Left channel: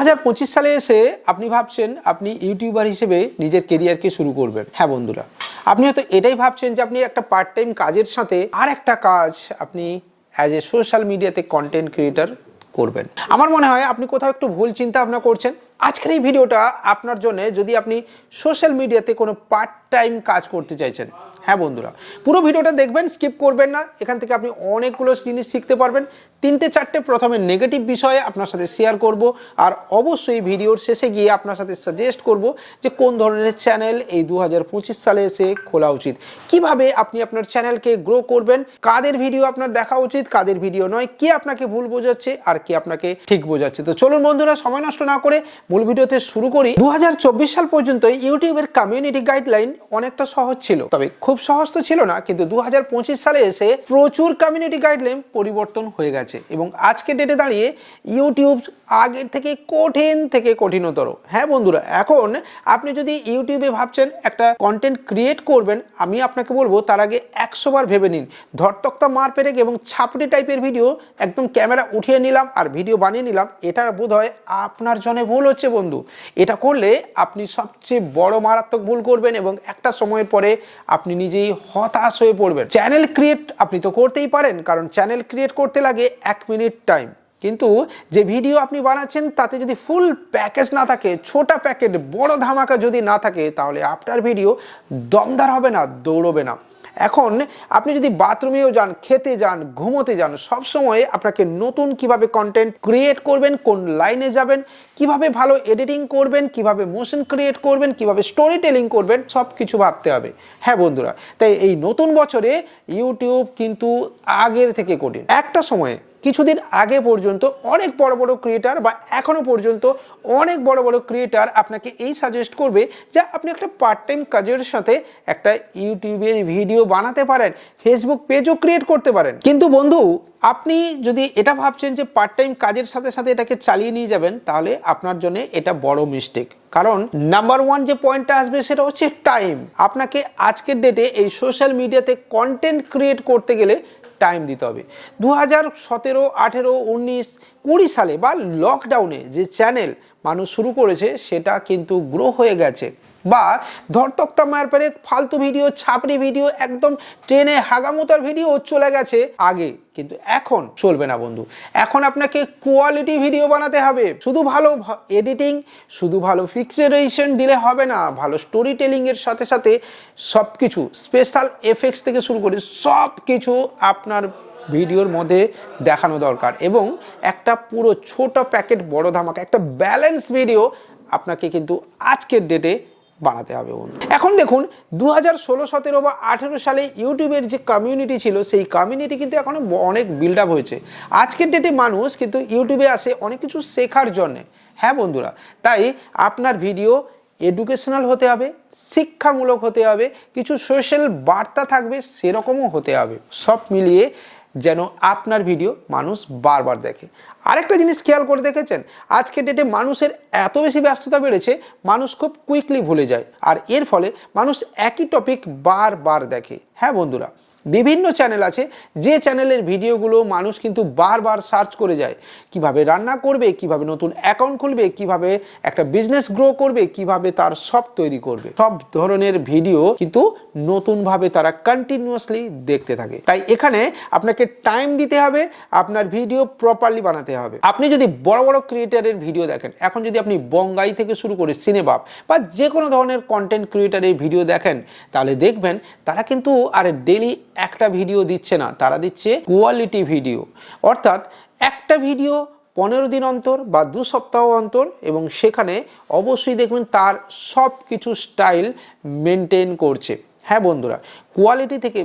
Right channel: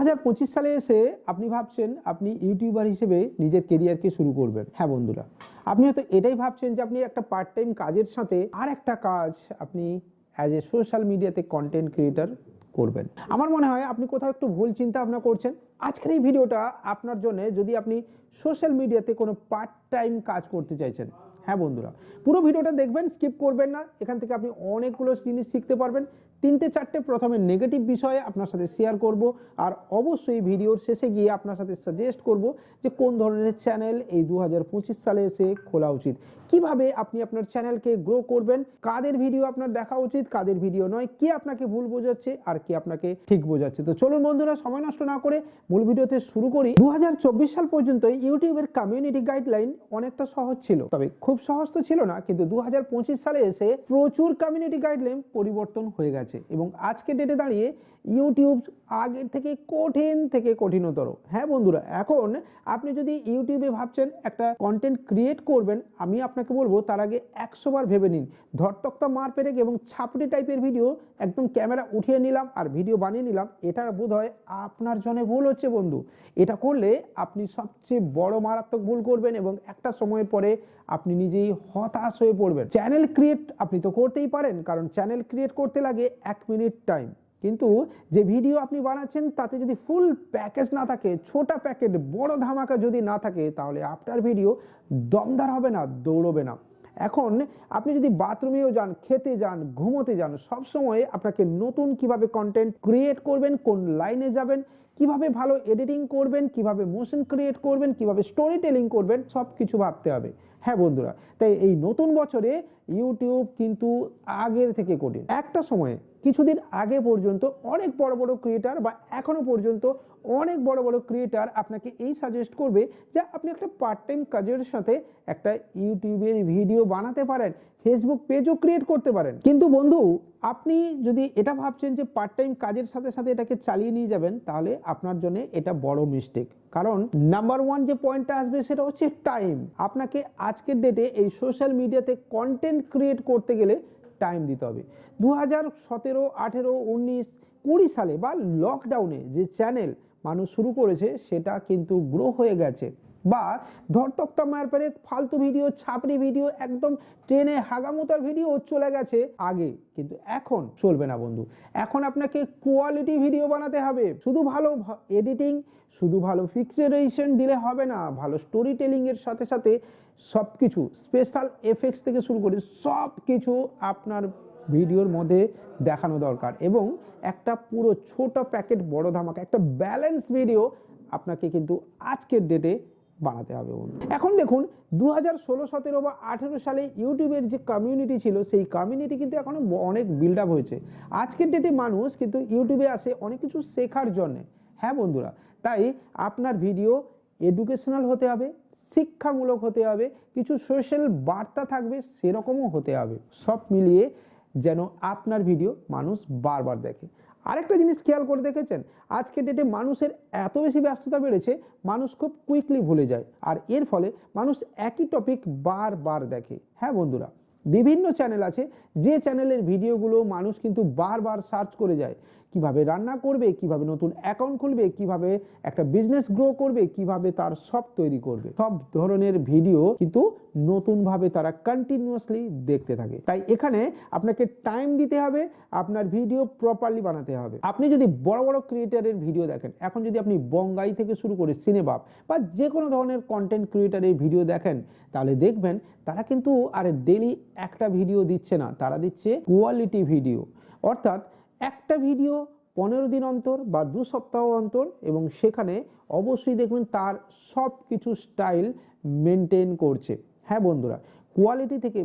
2025 সালে এসে আপনি ভাবছেন আপনি ইউটিউবার হিসেবে নিজের কেরিয়ারকে শুরু করবেন। হ্যাঁ বন্ধুরা, আপনি হয়তো এটাই ভাবছেন যে আপনি একটা পার্ট টাইম কাজের সাথে আর একটা কাজ আপনি অ্যাজ এ সোশ্যাল মিডিয়াতে কন্টেন্ট ক্রিয়েটর করবেন। আমার মনে হয় আপনি কোথাও একটু ভুল চিন্তা ভাবনা করছেন। আজকের এই ভিডিওটা আপনার জন্য, যদি আপনি সোশ্যাল মিডিয়াতে কোনো পার্ট টাইম কাজ করতে চাইছেন। হ্যাঁ বন্ধুরা, পুরো ভিডিওটা দেখবেন, স্কিপ করবেন না। এখান থেকে আপনি অনেকগুলো জিনিস শিখতে পারবেন। 3-4টে প্রথমে নেগেটিভ বিষয়ে আপনার সাথে শেয়ার করব, আর অবশ্যই ভিডিওর শেষে গিয়ে আপনার সাথে সাজেস্ট করব যে কোন ধরনের চ্যানেল এই 2025 সালে এসে খোলা উচিত, কিভাবে আপনি আপনার চ্যানেলকে গ্রো করবেন, কাদের ভিডিও আপনার দেখা উচিত, কাদের ভিডিও নয়, কে আপনাকে ভুল বোঝাচ্ছে আর কে আপনাকে ঠিক বোঝাচ্ছে। তো চলুন বন্ধুরা, সময় নষ্ট না করে মূল ভিডিওতে শুরু করি। 2024 সাল পর্যন্ত ইউটিউবের কমিউনিটি গাইডলাইন অনেকটা সহজ ছিল, তবে খুব সহজ তো ছিল না। কিন্তু 2025 সালে এসে প্রচুর কমিউনিটি গাইডলাইন পরিবর্তন হয়ে গেছে এবং আজকে ডেটে দাঁড়িয়ে ইউটিউব আগের থেকে কঠিনতর। হ্যাঁ বন্ধুরা, এখন আপনি যদি ইউটিউবে ভাবছেন একটা কন্টেন্ট ক্রিয়েট করবেন, আমি আপনাকে বলবো তার আগে 100 বার ভেবে নিন। ধরতক্তা মার পেরেক এবং ছাপড়ি টাইপের ভিডিও একদম ক্যামেরা উঠিয়ে নিলাম আর ভিডিও বানিয়ে নিলাম, এটা বোধ হয় আপনার জন্য ভুল হচ্ছে বন্ধু। এটা করলে আপনি সবচেয়ে বড় মারাত্মক ভুল করবেন এবং একটা সময়ের পরে আপনি নিজেই হতাশ হয়ে পড়বেন। চ্যানেল ক্রিয়েট আপনি তো করতেই পারেন, কারণ চ্যানেল ক্রিয়েট করতে লাগে 1 মিনিট টাইম। কিন্তু যে ভিডিও আপনি বানাচ্ছেন তাতে যদি ফুল প্যাকেজ না থাকে, ছোটা প্যাকেট বড় ধামাকা যদি না থাকে, তাহলে আপনার ভিডিও দমদার হবে না, দৌড়বে না। এখন আপনি যদি বাথরুমেও যান, খেতে যান, ঘুমোতে যান, সবসময় আপনাকে নতুন কিভাবে কন্টেন্ট ক্রিয়েট করবেন, কোন লাইনে যাবেন, কিভাবে ভালো এডিটিং করবেন, কিভাবে মোশন ক্রিয়েট করবেন, কিভাবে স্টোরি টেলিং করবেন, সব কিছু ভাবতে হবে। হ্যাঁ বন্ধুরা, তাই এই নতুন বছরে ইউটিউব কিন্তু আগের থেকে কঠিন। একটা সময়ে কিছুদিন আগে পর্যন্ত অনেক বড় বড় ক্রিয়েটার বা এখনো পর্যন্ত অনেক বড় বড় ক্রিয়েটার আপনাকে এই সাজেস্ট করবে যে আপনি একটা পার্ট টাইম কাজের সাথে একটা ইউটিউবের ভিডিও বানাতে পারেন, ফেসবুক পেজও ক্রিয়েট করতে পারেন। কিন্তু বন্ধু, আপনি যদি এটা ভাবছেন যে পার্ট টাইম কাজের সাথে সাথে এটাকে চালিয়ে নিয়ে যাবেন, তাহলে আপনার জন্য এটা বড় মিস্টেক। কারণ নাম্বার 1 যে পয়েন্টটা আসবে সেটা হচ্ছে টাইম। আপনাকে আজকের ডেটে এই সোশ্যাল মিডিয়াতে কন্টেন্ট ক্রিয়েট করতে গেলে টাইম দিতে হবে। 2017, 18, 19, 20 সালে বা লকডাউনে যে চ্যানেল মানুষ শুরু করেছে সেটা কিন্তু গ্রো হয়ে গেছে। বা ধরতক্তা মায়ের পরে ফালতু ভিডিও, ছাপড়ি ভিডিও, একদম ট্রেনে হাগামোতার ভিডিও চলে গেছে আগে, কিন্তু এখন চলবে না বন্ধু। এখন আপনাকে কোয়ালিটি ভিডিও বানাতে হবে। শুধু ভালো এডিটিং, শুধু ভালো পিকচারাইজেশন দিলে হবে না, ভালো স্টোরি টেলিংয়ের সাথে সাথে সব কিছু, স্পেশাল এফেক্টস থেকে শুরু করে সব কিছু আপনার ভিডিওর মধ্যে দেখানো দরকার। এবং একটা পুরো ছোট প্যাকেট বড় ধামাকা, একটা ব্যালেন্স ভিডিও আপনাকে কিন্তু আজকের ডেটে বানাতে হবে বন্ধু। এখন দেখুন, 2016, 17 বা 18 সালে ইউটিউবের যে কমিউনিটি ছিল, সেই কমিউনিটি কিন্তু এখন অনেক বিল্ড আপ হয়েছে। আজকের ডেটে মানুষ কিন্তু ইউটিউবে আসে অনেক কিছু শেখার জন্যে। হ্যাঁ বন্ধুরা, তাই আপনার ভিডিও এডুকেশনাল হতে হবে, শিক্ষামূলক হতে হবে, কিছু সোশ্যাল বার্তা থাকবে সেরকমও হতে হবে। সব মিলিয়ে যেন আপনার ভিডিও মানুষ বারবার দেখে। আরেকটা জিনিস খেয়াল করে দেখেছেন, আজকের ডেটে মানুষের এত বেশি ব্যস্ততা বেড়েছে, মানুষ খুব কুইকলি ভুলে যায়, আর এর ফলে মানুষ একই টপিক বারবার দেখে। হ্যাঁ বন্ধুরা, বিভিন্ন চ্যানেল আছে যে চ্যানেলের ভিডিওগুলো মানুষ কিন্তু বারবার সার্চ করে যায়। কিভাবে রান্না করবে, কিভাবে নতুন অ্যাকাউন্ট খুলবে, কিভাবে একটা বিজনেস গ্রো করবে, কিভাবে তার সব তৈরি করবে, সব ধরনের ভিডিও কিন্তু নতুনভাবে তারা কন্টিনিউয়াসলি দেখতে থাকে। তাই এখানে আপনাকে টাইম দিতে হবে, আপনার ভিডিও প্রপারলি বানাতে হবে। আপনি যদি বড় বড় ক্রিয়েটারের ভিডিও দেখেন, এখন যদি আপনি বঙ্গাই থেকে শুরু করে সিনেবাব বা যে কোনো ধরনের কন্টেন্ট ক্রিয়েটারের ভিডিও দেখেন, তাহলে দেখবেন তারা কিন্তু আর ডেলি একটা ভিডিও দিচ্ছে না, তারা দিচ্ছে কোয়ালিটি ভিডিও। অর্থাৎ একটা ভিডিও 15 দিন অন্তর বা 2 সপ্তাহ অন্তর, এবং সেখানে অবশ্যই দেখবেন তার সব কিছু স্টাইল মেনটেন করছে। হ্যাঁ বন্ধুরা, কোয়ালিটি থেকে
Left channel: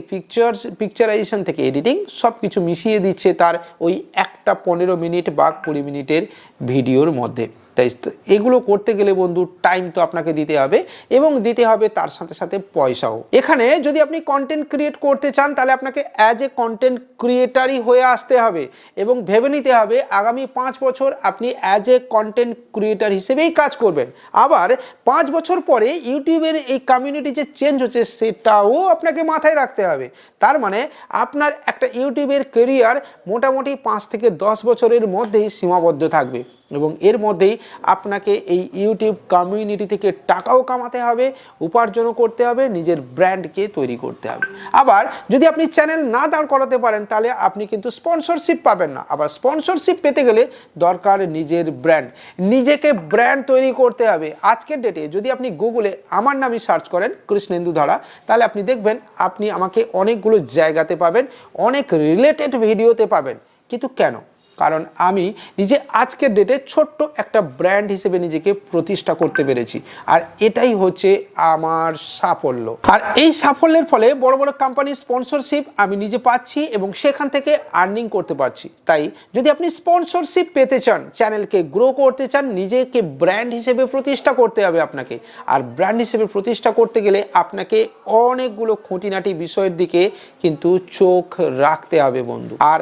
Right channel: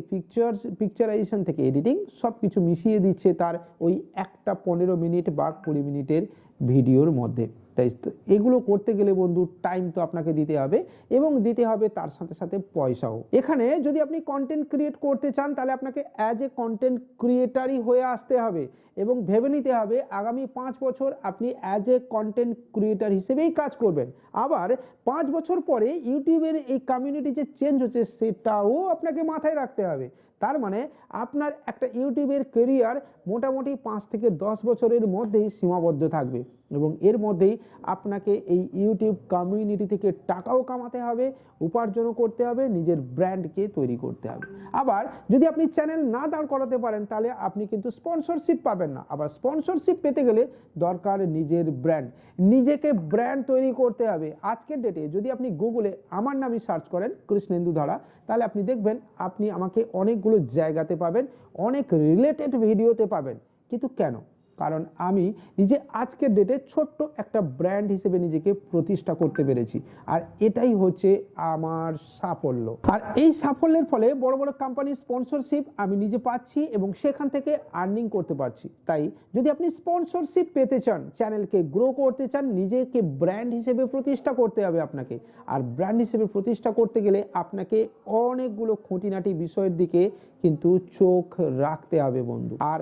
পিকচারাইজেশন থেকে এডিটিং সব কিছু মিশিয়ে দিচ্ছে তার ওই একটা 15 মিনিট বা 20 মিনিটের ভিডিওর মধ্যে। তাই এগুলো করতে গেলে বন্ধু টাইম তো আপনাকে দিতে হবে, এবং দিতে হবে তার সাথে সাথে পয়সাও। এখানে যদি আপনি কন্টেন্ট ক্রিয়েট করতে চান, তাহলে আপনাকে অ্যাজ এ কন্টেন্ট ক্রিয়েটারই হয়ে আসতে হবে এবং ভেবে নিতে হবে আগামী 5 বছর আপনি অ্যাজ এ কন্টেন্ট ক্রিয়েটার হিসেবেই কাজ করবেন। আবার 5 বছর পরে ইউটিউবের এই কমিউনিটি যে চেঞ্জ হচ্ছে সেটাও আপনাকে মাথায় রাখতে হবে। তার মানে আপনার একটা ইউটিউবের ক্যারিয়ার মোটামুটি 5 থেকে 10 বছরের মধ্যেই সীমাবদ্ধ থাকবে। এবং এর মধ্যেই আপনাকে এই ইউটিউব কমিউনিটি থেকে টাকাও কামাতে হবে, উপার্জনও করতে হবে, নিজের ব্র্যান্ডকে তৈরি করতে হবে। আবার যদি আপনি চ্যানেল না দাঁড় করাতে পারেন তাহলে আপনি কিন্তু স্পন্সরশিপ পাবেন না। আবার স্পন্সরশিপ পেতে গেলে দরকার নিজের ব্র্যান্ড, নিজেকে ব্র্যান্ড তৈরি করতে হবে। আজকের ডেটে যদি আপনি গুগলে আমার নামই সার্চ করেন কৃষ্ণেন্দু ধারা, তাহলে আপনি দেখবেন আপনি আমাকে অনেকগুলো জায়গাতে পাবেন, অনেক রিলেটেড ভিডিওতে পাবেন। কিন্তু কেন? কারণ আমি নিজে আজকের ডেটে ছোট্ট একটা ব্র্যান্ড হিসেবে নিজেকে প্রতিষ্ঠা করতে পেরেছি, আর এটাই হচ্ছে আমার সাফল্য। আর এই সাফল্যের ফলে বড় বড় কোম্পানির স্পন্সরশিপ আমি নিজে পাচ্ছি এবং সেখান থেকে আর্নিং করতে পারছি। তাই যদি আপনি স্পন্সরশিপ পেতে চান, চ্যানেলকে গ্রো করতে চান, নিজেকে ব্র্যান্ড হিসেবে প্রতিষ্ঠা করতে হবে আপনাকে। আর ব্র্যান্ড হিসেবে প্রতিষ্ঠা করতে গেলে আপনাকে অনেকগুলো খুঁটিনাটি বিষয়ের দিকে কিন্তু চোখ রাখতে হবে বন্ধু। আর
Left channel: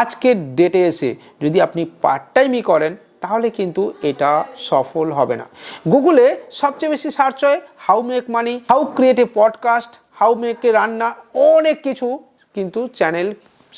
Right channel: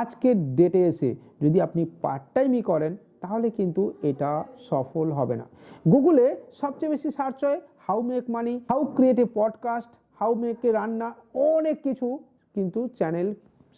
আজকের ডেটে এসে যদি আপনি পার্ট টাইমই করেন তাহলে কিন্তু এটা সফল হবে না। গুগলে সবচেয়ে বেশি সার্চ হয় how make money, how create a podcast, how make a রান্না, অনেক কিছু কিন্তু চ্যানেল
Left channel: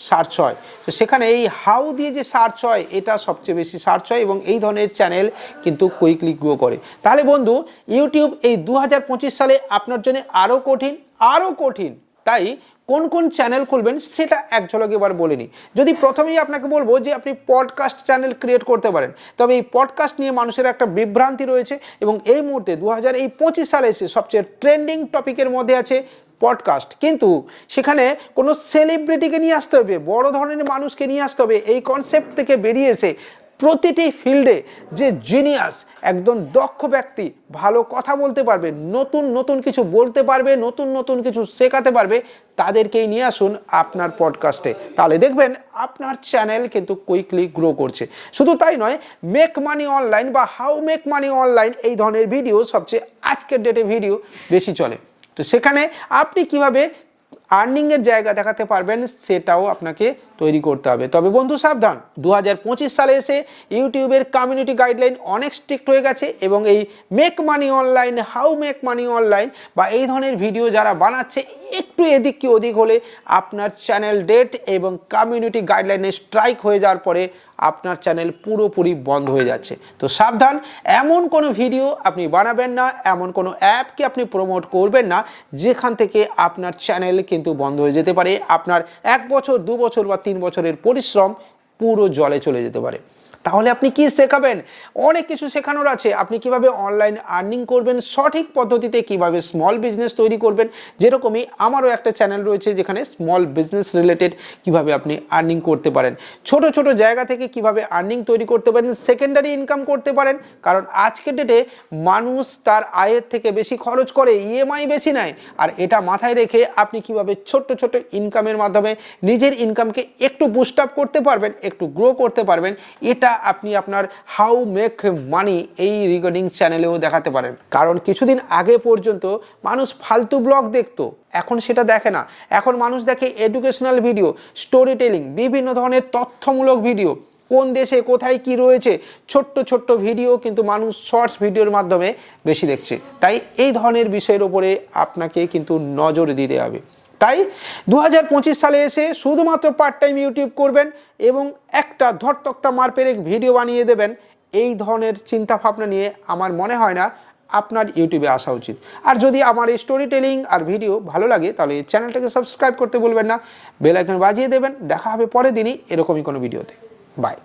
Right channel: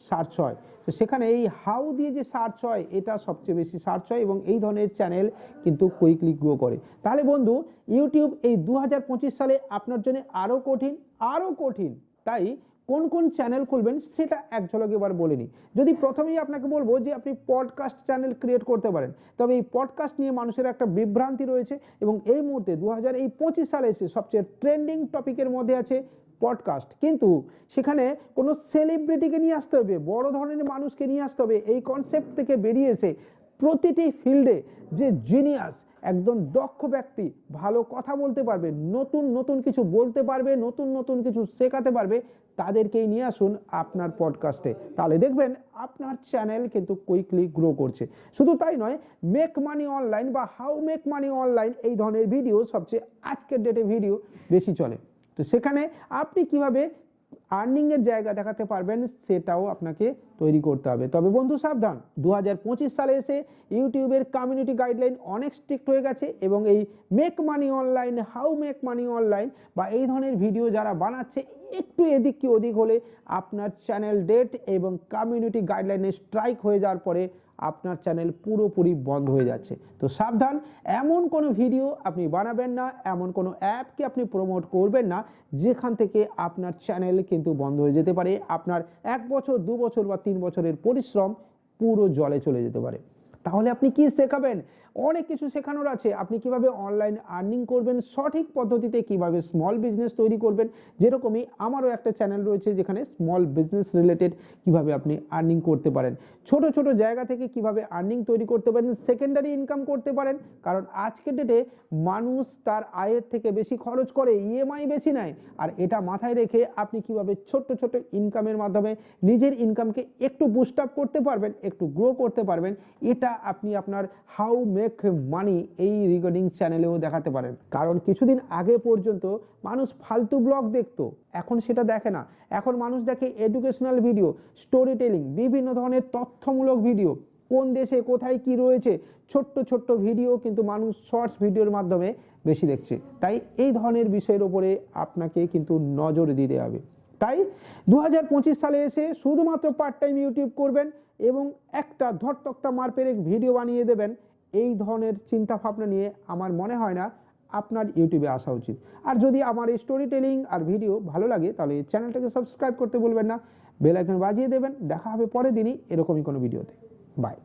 সার্চ হয়। তো সেখানে এই হাউ দিয়ে যে সার্চ হয় এটা সবচেয়ে বেশি সার্চ হয় এবং এই ধরনের চ্যানেল কিন্তু কুইকলি গ্রো করে। তাহলে বন্ধু, ইউটিউব এই 2025 সালে আপনার জন্য আরও কঠিন। তাই কোন কোন চ্যানেল খুলবেন সেটা এক ঝলক এবার বলে নিই। যদি প্রথমেই আপনাকে বলবো যে আপনি পডকাস্ট চ্যানেল ক্রিয়েট করতে পারেন, তবে এই পডকাস্ট নিয়ে মানুষের একটা বিভ্রান্তি রয়েছে এবং এই মুহূর্তে 2025 সালে এসে সবচেয়ে ট্রেন্ডিং টপিকের মধ্যে আছে পডকাস্ট। কিন্তু সেখানে কোনো সেলিব্রিটিকে নিয়ে আসতে হবে, বড় ধরনের মানুষকে নিয়ে আসতে হবে। এই কনসেপ্ট থেকে বেরিয়ে এসে প্রতিটি ফিল্ডে যে জিনিয়াস, একদম দক্ষ ব্যক্তি, ভালো কথা বলতে পারবে, নতুন কিছু বলতে পারবে, নতুন কিছু শেখাতে পারবে, তাদেরকেই নিয়ে আসুন আপনার পডকাস্টে। তাহলে দেখবেন আপনার চ্যানেল কিন্তু কুইকলি গ্রো করছে। শুধু তাই নয়, মেক মানি অনলাইন বা হাউ মেক মানি অনলাইন এই ধরনের ভিডিও সবচেয়ে আজকের ডেটে ভিডিও বেশি চলে। তো সেখানে আপনি কিভাবে আর্নিংয়ের জায়গা দেখাতে পারবেন সেটাও আপনাকে তৈরি করতে হবে। তবে বন্ধু সাবধান, 2025 সালে এসে ইউটিউবের কমিউনিটি গাইডলাইন অনেক স্ট্রিক্ট হয়ে গেছে এবং এই make money online, how make money online বা এই ধরনের ভিডিও যারা বানাচ্ছে একটু এদিক কি ওদিক হলে আপনার চ্যানেল ডেট এবং কমিউনিটি গাইডলাইনে স্ট্রাইক হয়ে যাওয়ার পরে আপনার চ্যানেল পুরোপুরি বন্ধ হয়ে যাচ্ছে। তো সাবধান, এমন কোনো ভিডিও আপনি বানাবেন না, এমন কোনো অ্যাপকে আপনি প্রমোট করবেন না যেখান থেকে আপনার চ্যানেল কিন্তু বন্ধ হয়ে যেতে পারে। আপনার 1 বছর, 2 বছর বা 3 বছরের পরিশ্রম পুরো জলে চলে যেতে পারে। তাহলে আপনি কি শেখাবেন? অনেক কিছু শেখানোর আছে। আপনি কিভাবে অনলাইন আর্নিং করবেন সঠিক পদ্ধতিতে, কিভাবে স্মল বিজনেস তৈরি করবেন, যেরকমই আমারও একটা চ্যানেল রয়েছে যেখানে স্মল বিজনেস রিলেটেড কিভাবে আপনি আর্নিং করতে পারেন, ছোট ছোট জায়গা থেকে কিভাবে আর্নিং তৈরি করতে পারেন, সেকেন্ডারি ইনকাম করতে পারেন। কারণ আজকের ডেটে মানুষ তার আয়ের থেকে বেশি খরচ করে, ইএমআই বেশি নেয়। আর এটা মাথায় রেখে আপনি কিভাবে ছোট্ট ইনকামের মাধ্যমে নিজের ইনকামকে একটু বুস্ট আপ করতে পারবেন, একটু গ্রো করতে পারবেন, এটা আপনি আপনার হাউ মেক মানি এই রিগার্ডিং চ্যানেলেও দেখাতে পারেন। কারণ কিছুদিন আগে পর্যন্ত মানুষ ফালতু ব্লগ দেখতো, এখন সেটা দেখে না। এখন মানুষ দেখে এডুকেশনাল ভিডিও, স্টোরি টেলিং, বিভিন্ন ধরনের তথ্যমূলক ভিডিও, কোন দেশে কোথায় কি রয়েছে, ছোট্ট ভিডিও কিন্তু মানুষ শর্টস ভিডিওর মাধ্যমে বেশি দেখছে। তাই এই ধরনের বিষয়ের উপরে আপনাকে কিন্তু নজর দিতে হবে। তাই 2025 সালে এসে শুধুমাত্র পার্ট টাইম ইউটিউব করবেন এবং একটা ধরতক্তা মারপেরেক ভিডিও বানিয়ে দেবেন, এই ধরনের চিন্তা ভাবনা নিয়ে আমার মনে হয় না আপনার ইউটিউবে আসা উচিত। আর যদি আমার এই স্টোরি টেলিং আর ভিডিও ভালো লাগে তাহলে এই চ্যানেলটাকে সাবস্ক্রাইব করতে বলবেন না, বেল আইকন বাজিয়ে দেবেন। দেখা হবে পরের দিনই এরকমই কোনো ভিডিওতে। বাই।